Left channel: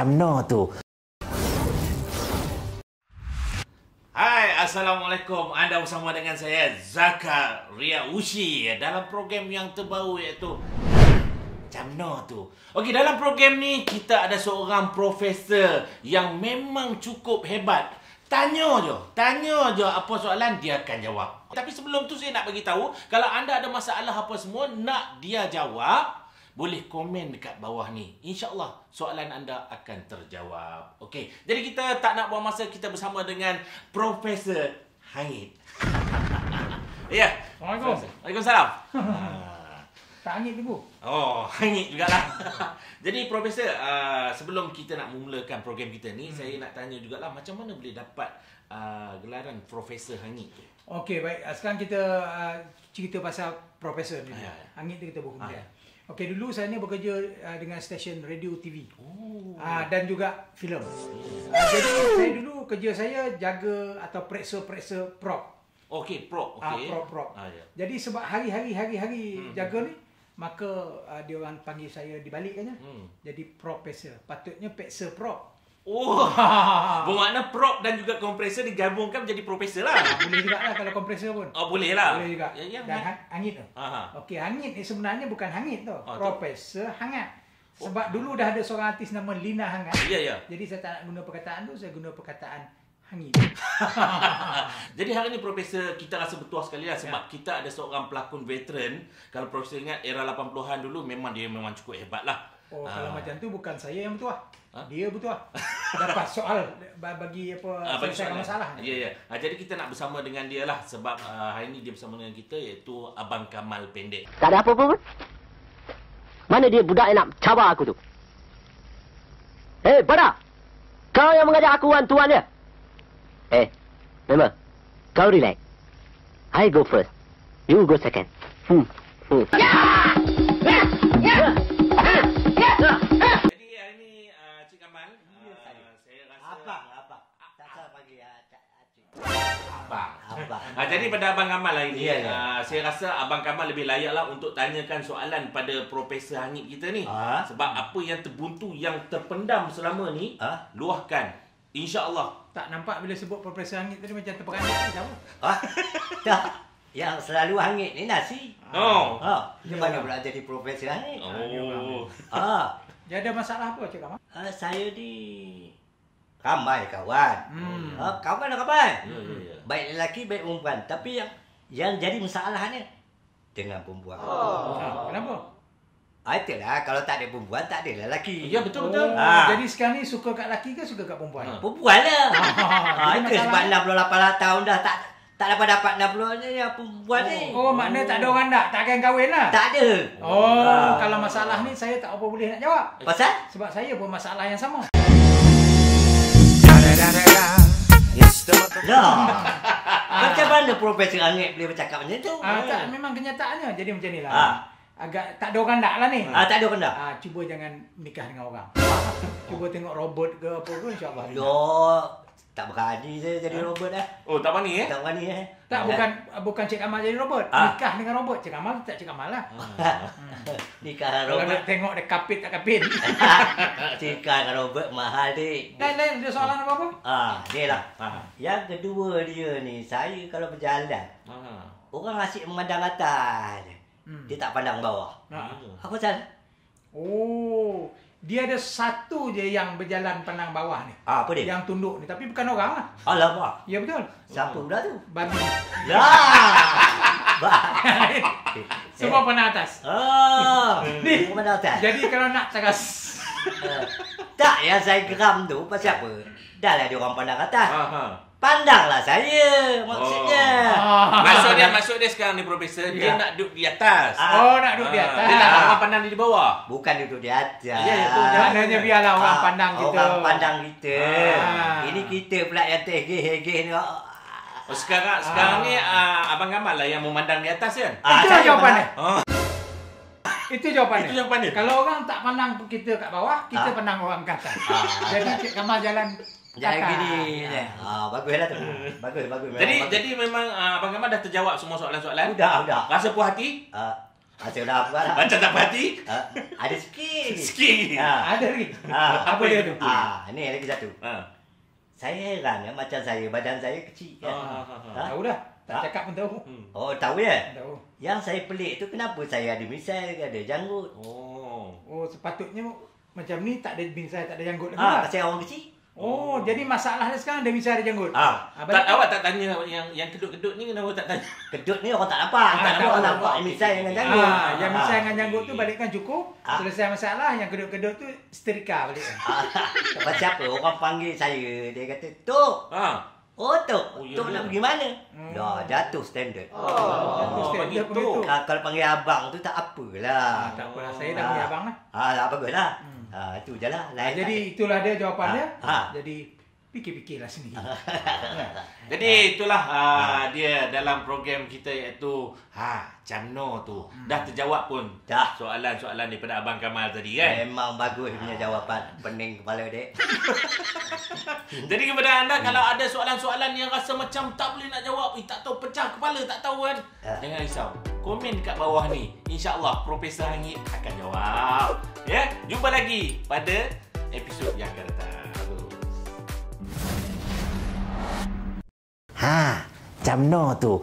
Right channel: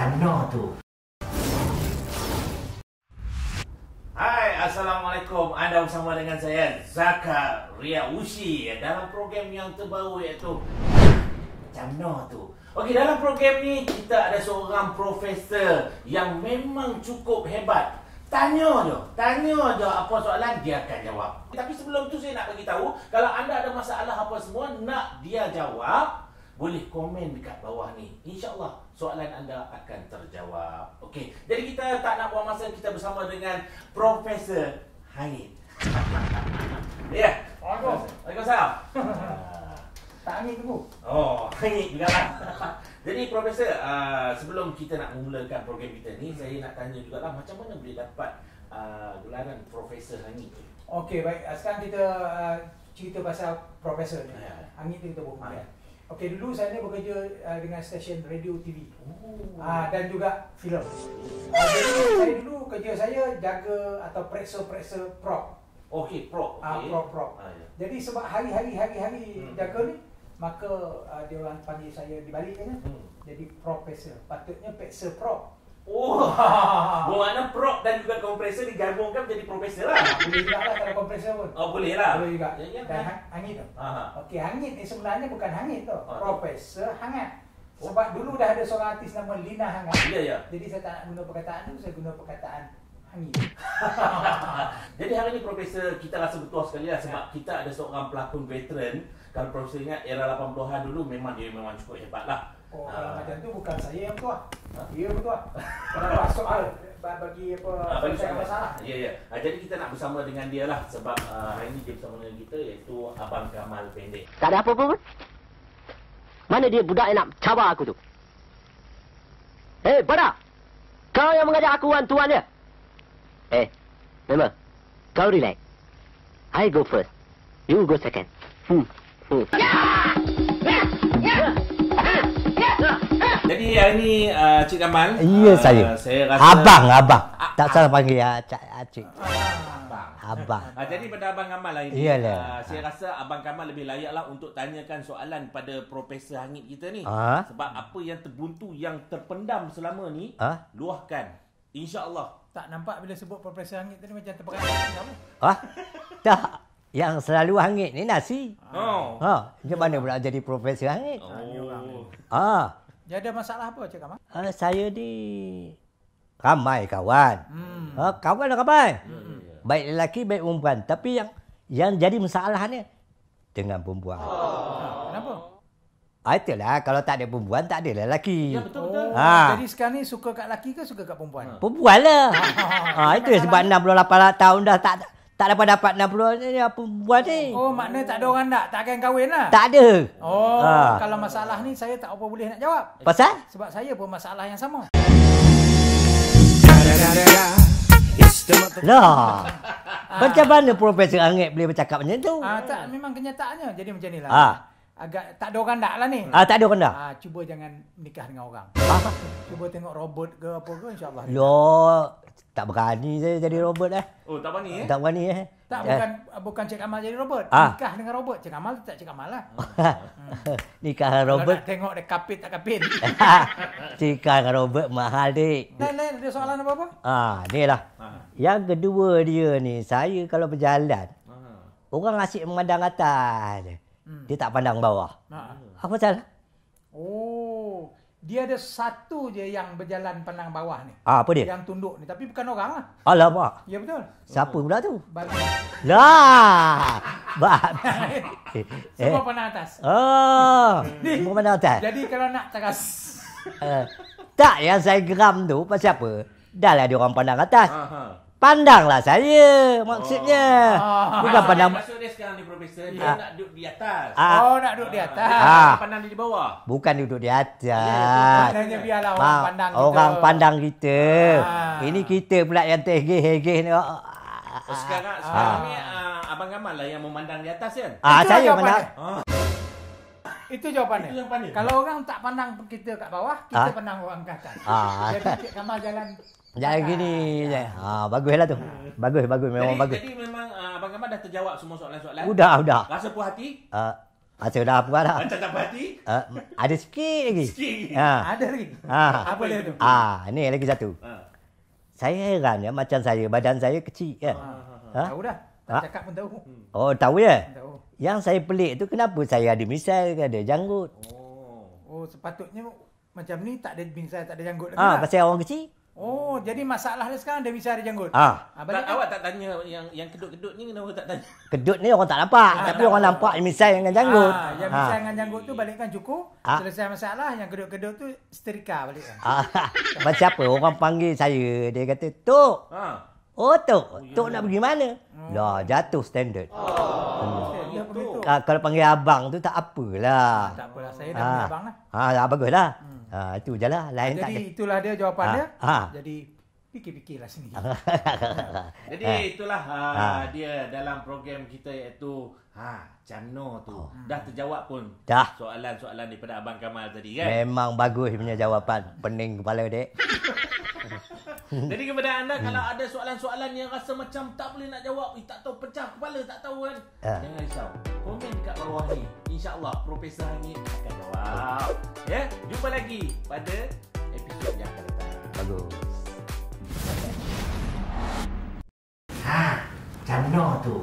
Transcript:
Macam mana tu? Hai, Assalamualaikum. Anda bersama dengan saya, Zakaria Ushi, dalam program yang terbaru iaitu Macam mana tu? Okey, dalam program ni kita ada seorang profesor yang memang cukup hebat. Tanya je apa soalan dia akan jawab. Tapi sebelum tu saya nak bagi tahu, kalau anda ada masalah apa semua nak dia jawab, boleh komen dekat bawah ni. InsyaAllah soalan anda akan terjawab. Okey, jadi kita tak nak buang masa, kita bersama dengan Profesor Hangit. Ya. Waalaikumsalam. Tak hangit ke, Bu? Oh, hangit jugalah. Jadi Profesor, sebelum kita nak memulakan program kita ni, saya nak tanya jugalah macam mana boleh dapat gelaran Profesor Hangit tu? Okey, baik. Sekarang kita cerita pasal Profesor ni. Hangit tu kita buat. Okey, dulu saya ni bekerja dengan stesen radio TV. Dan juga filem. Jadi saya dulu kerja saya jaga atau periksa prop. Okey, prop. Okey. Prop. Jadi sebab hari-hari jaga ni, maka dia orang panggil saya dibalikkannya. Jadi Profesor. Patutnya peksa prop. Oh. Bermakna prop dan juga kompresor digabungkan menjadi profesor lah. Boleh juga lah kalau kompresor pun. Oh, boleh lah. Boleh juga. Yang Dan hangit tu. Okey, hangit ni sebenarnya bukan hangit tu. Profesor Hangat. Sebab dulu dah ada seorang artis nama Lina Hangat. Ya. Jadi saya tak nak guna perkataan tu, saya guna perkataan hangit. Jadi hari ni Profesor kita rasa bertuah sekali lah sebab kita ada seorang pelakon veteran. Kalau Profesor ingat era 80-an dulu memang cukup hebat lah. Oh, kalau macam tu bukan saya yang bertuah. Dia bertuah. Lepas soal bagi selesaikan masalah. Ya. Jadi kita nak bersama dengan dia lah sebab hari ni dia bersama dengan kita iaitu Abang Kamal Pendek. Tak ada apa-apa pun. Mana dia budak yang nak cabar aku tu? Pada! Kau yang mengajar aku tuan dia? Memang. Kau relax. I go first. You go second. Jadi hari ni Cik Kamal. Ya, saya. Saya rasa Abang. Tak salah panggil Cik. Abang. Jadi pada Abang Kamal lah ini, Iyalah. saya rasa Abang Kamal lebih layak lah untuk tanyakan soalan pada Profesor Hangit kita ni. Sebab apa yang terbuntu, yang terpendam selama ni, luahkan. InsyaAllah. Tak nampak bila sebut Profesor Hangit tadi macam terperanjat. Tak. Yang selalu hangit ni nasi. Macam mana pula jadi Profesor Hangit? Dia ada masalah apa, Cik Kamal? Saya ni ramai kawan. Kawan. Baik lelaki, baik perempuan. Tapi yang jadi masalahnya dengan perempuan. Kenapa? Itulah, kalau tak ada perempuan, tak ada lelaki. Ya, betul. Jadi sekarang ni suka kat lelaki ke suka kat perempuan? Perempuan lah. Itu sebab 68 tahun dah tak dapat 60 ni perempuan ni. Oh, maknanya tak ada orang tak akan kahwin lah? Tak ada. Kalau masalah ni saya tak apa boleh nak jawab. Pasal? Sebab saya pun masalah yang sama. Lah. Macam mana Profesor Hangit boleh bercakap macam tu? Tak, memang kenyataannya. Jadi macam ni lah. Agak tak ada orang nak lah ni. Tak ada orang dah. Cuba jangan nikah dengan orang. Cuba tengok robot ke apa ke, insyaAllah. Loh, tak berani saya jadi robot dah. Oh, tak berani Tak berani Tak, bukan Cik Kamal jadi robot. Nikah dengan robot. Cik Kamal tak Cik Kamal lah. Nikah dengan robot. Kalau nak tengok dia kapit tak kapit. Nikah dengan robot mahal, dik. Lain, ada soalan apa-apa? Ni lah. Yang kedua dia ni, saya kalau berjalan, orang asyik memandang atas. Dia tak pandang bawah. Apa salah? Oh, dia ada satu je yang berjalan pandang bawah ni. Apa dia? Yang tunduk ni. Tapi bukan orang lah. Alamak. Ya, betul. Siapa pula tu? Bang. Lah. Semua pandang atas. Semua pandang atas. Jadi kalau nak cakap Tak, yang saya geram tu pasal apa? Dah lah dia orang pandang atas. Pandanglah saya maksudnya. Maksud dia sekarang ni Profesor, dia nak duduk di atas. Nak duduk di atas. Dia nak orang pandang di bawah. Bukan duduk di atas. Maknanya biarlah orang pandang kita. Orang pandang kita. Ini kita pula yang terhegeh-hegeh ni. Sekarang ni Abang Kamal lah yang memandang di atas kan? Itu jawapannya. Itu jawapannya. Itu jawapannya. Kalau orang tak pandang kita kat bawah, kita pandang orang kat atas. Jadi Cik Kamal jalan jangan gini. Baguslah tu. Bagus memang bagus. Jadi memang Abang Kamal dah terjawab semua soalan-soalan? Udah. Rasa puas hati? Masa dah apa dah? Macam tak berhati? Ada sikit lagi. Sikit. Ada lagi. Apa dia tu? Ni lagi satu. Saya heran ya, macam saya, badan saya kecil kan. Tahu dah. Tak cakap pun tahu. Oh, tahu ya? Tahu. Yang saya pelik tu kenapa saya ada misai, ada janggut. Oh, sepatutnya macam ni tak ada misai, tak ada janggut lagi. Pasal orang kecil. Oh, jadi masalahnya sekarang dia misai ada janggut. Awak tak tanya yang kedut-kedut ni, kenapa tak tanya? Kedut ni orang tak nampak, tapi orang nampak misai dengan janggut. Yang misai dengan janggut tu balikkan cukup. Selesai masalah, yang kedut-kedut tu setrika balik. Macam apa orang panggil saya, dia kata, "Tok." Oh, Tok. Tok nak pergi mana? Dah jatuh standard. Standard pun itu. Kalau panggil abang tu tak apalah. Tak apalah, saya dah punya abang lah. Baguslah. Itu je lah. Lain tak ada. Jadi itulah dia jawapannya. Ha. Jadi fikir-fikirlah sendiri. Jadi itulah dia dalam program kita iaitu Camno tu. Dah terjawab pun Dah. soalan-soalan daripada Abang Kamal tadi kan. Memang bagus punya jawapan. Pening kepala dek. Jadi kepada anda kalau ada soalan-soalan yang rasa macam tak boleh nak jawab, tak tahu, pecah kepala, tak tahu kan, jangan risau. Komen dekat bawah ni. InsyaAllah Profesor Hangit akan jawab. Ya, jumpa lagi pada episod yang akan datang. Camno tu